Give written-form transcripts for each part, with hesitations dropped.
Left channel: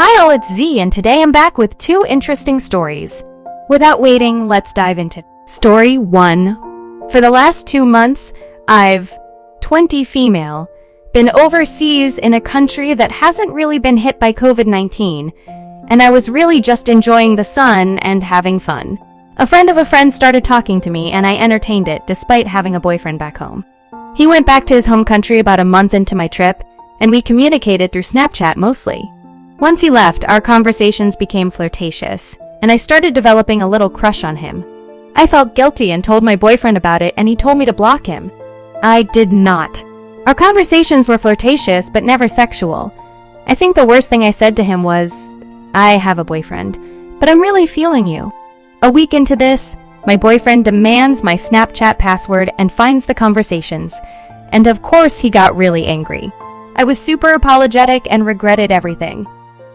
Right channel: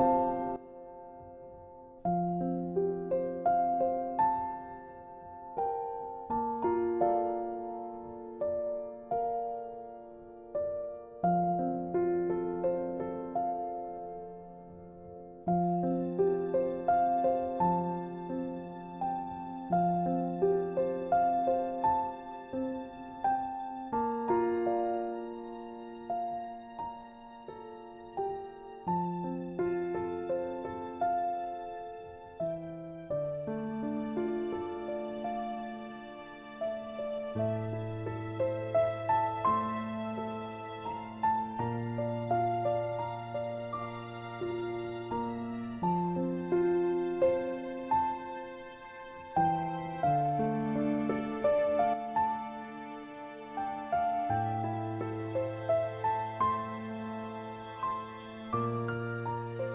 Hi all, it's Z, and today I'm back with two interesting stories. Without waiting, let's dive into Story 1. For the last 2 months, I've, 20 female, been overseas in a country that hasn't really been hit by COVID-19, and I was really just enjoying the sun and having fun. A friend of a friend started talking to me, and I entertained it despite having a boyfriend back home. He went back to his home country about a month into my trip, and we communicated through Snapchat mostly. Once he left, our conversations became flirtatious, and I started developing a little crush on him. I felt guilty and told my boyfriend about it, and he told me to block him. I did not. Our conversations were flirtatious, but never sexual. I think the worst thing I said to him was, "I have a boyfriend, but I'm really feeling you." A week into this, my boyfriend demands my Snapchat password and finds the conversations, and of course he got really angry. I was super apologetic and regretted everything.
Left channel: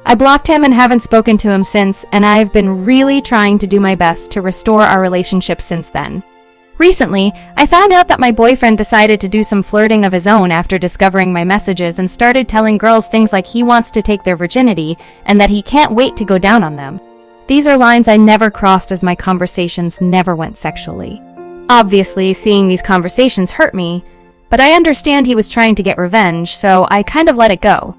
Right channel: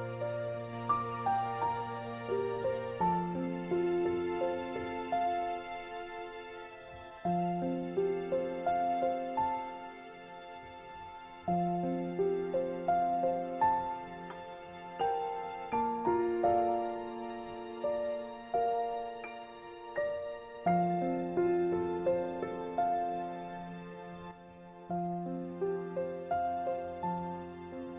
I blocked him and haven't spoken to him since, and I've been really trying to do my best to restore our relationship since then. Recently, I found out that my boyfriend decided to do some flirting of his own after discovering my messages and started telling girls things like he wants to take their virginity and that he can't wait to go down on them. These are lines I never crossed as my conversations never went sexually. Obviously, seeing these conversations hurt me, but I understand he was trying to get revenge, so I kind of let it go.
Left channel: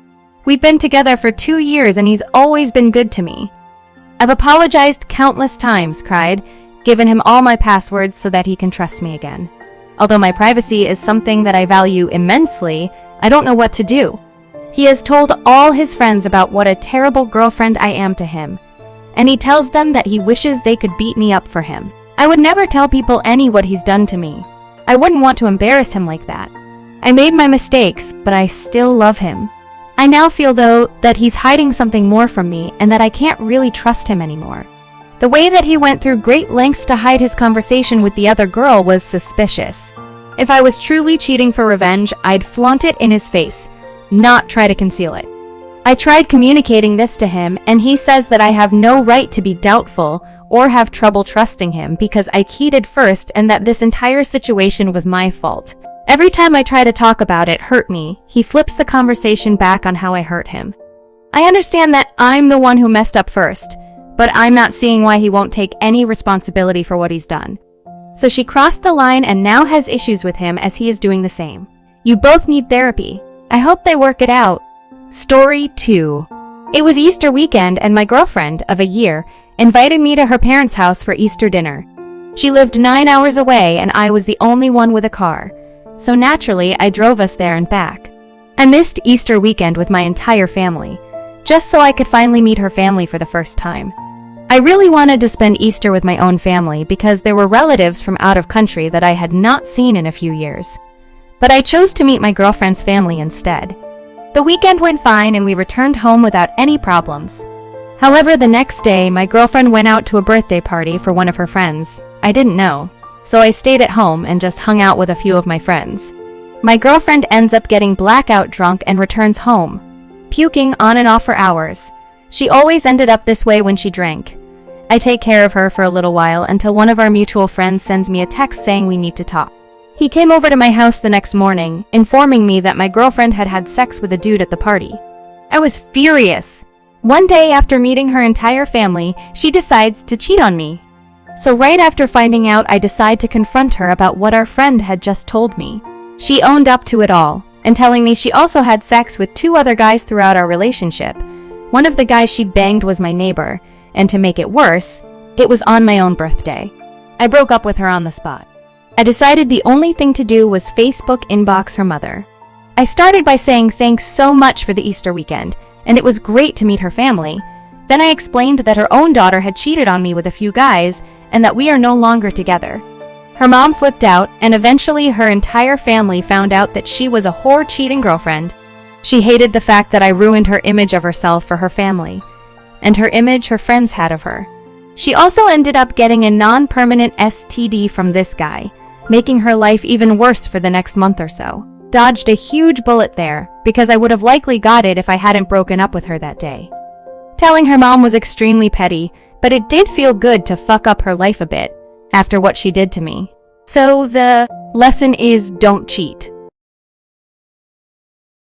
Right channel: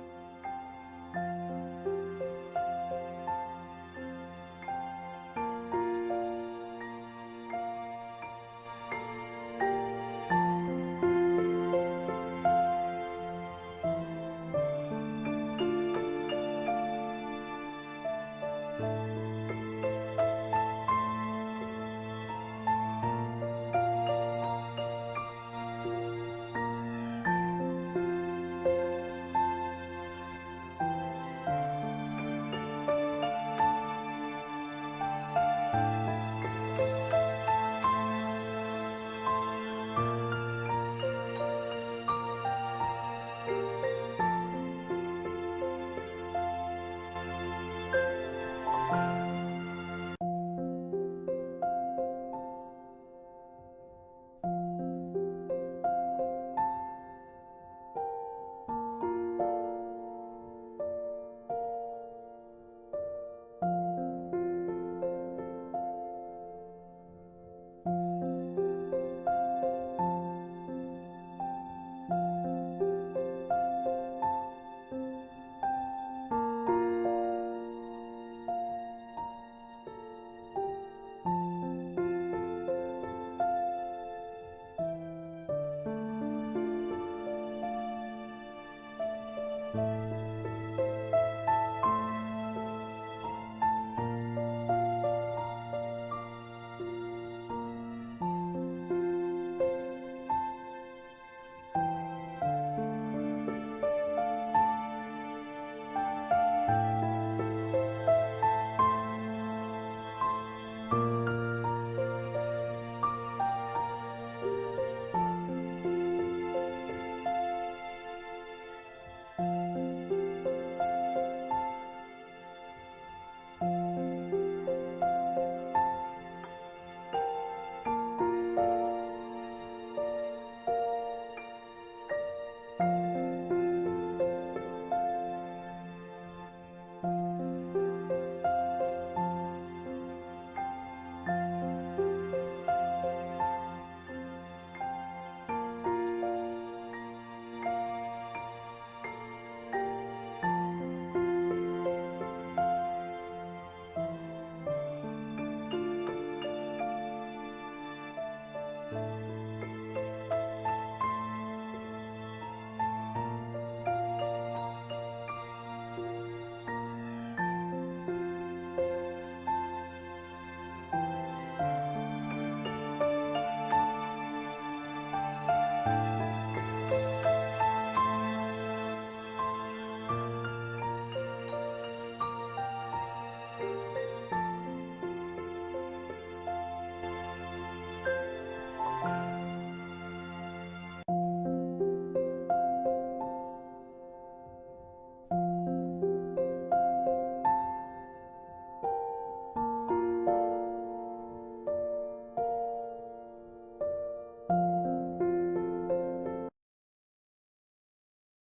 We've been together for 2 years and he's always been good to me. I've apologized countless times, cried, given him all my passwords so that he can trust me again. Although my privacy is something that I value immensely, I don't know what to do. He has told all his friends about what a terrible girlfriend I am to him, and he tells them that he wishes they could beat me up for him. I would never tell people what he's done to me. I wouldn't want to embarrass him like that. I made my mistakes, but I still love him. I now feel, though, that he's hiding something more from me and that I can't really trust him anymore. The way that he went through great lengths to hide his conversation with the other girl was suspicious. If I was truly cheating for revenge, I'd flaunt it in his face, not try to conceal it. I tried communicating this to him, and he says that I have no right to be doubtful or have trouble trusting him because I cheated first and that this entire situation was my fault. Every time I try to talk about it hurt me, he flips the conversation back on how I hurt him. I understand that I'm the one who messed up first, but I'm not seeing why he won't take any responsibility for what he's done. So she crossed the line and now has issues with him as he is doing the same. You both need therapy. I hope they work it out. Story 2. It was Easter weekend and my girlfriend of a year invited me to her parents' house for Easter dinner. She lived 9 hours away and I was the only one with a car, so naturally I drove us there and back. I missed Easter weekend with my entire family, just so I could finally meet her family for the first time. I really wanted to spend Easter with my own family because there were relatives from out of country that I had not seen in a few years. But I chose to meet my girlfriend's family instead. The weekend went fine and we returned home without any problems. However, the next day, my girlfriend went out to a birthday party for one of her friends. I didn't know, so I stayed at home and just hung out with a few of my friends. My girlfriend ends up getting blackout drunk and returns home, puking on and off for hours. She always ended up this way when she drank. I take care of her for a little while until one of our mutual friends sends me a text saying we need to talk. He came over to my house the next morning, informing me that my girlfriend had had sex with a dude at the party. I was furious. One day after meeting her entire family, she decides to cheat on me. So right after finding out, I decide to confront her about what our friend had just told me. She owned up to it all, and telling me she also had sex with 2 other guys throughout our relationship. One of the guys she banged was my neighbor, and to make it worse, it was on my own birthday. I broke up with her on the spot. I decided the only thing to do was Facebook inbox her mother. I started by saying thanks so much for the Easter weekend, and it was great to meet her family. Then I explained that her own daughter had cheated on me with a few guys, and that we are no longer together. Her mom flipped out, and eventually her entire family found out that she was a whore cheating girlfriend. She hated the fact that I ruined her image of herself for her family, and her image her friends had of her. She also ended up getting a non-permanent STD from this guy, making her life even worse for the next month or so. Dodged a huge bullet there, because I would have likely got it if I hadn't broken up with her that day. Telling her mom was extremely petty, but it did feel good to fuck up her life a bit after what she did to me. So the lesson is don't cheat.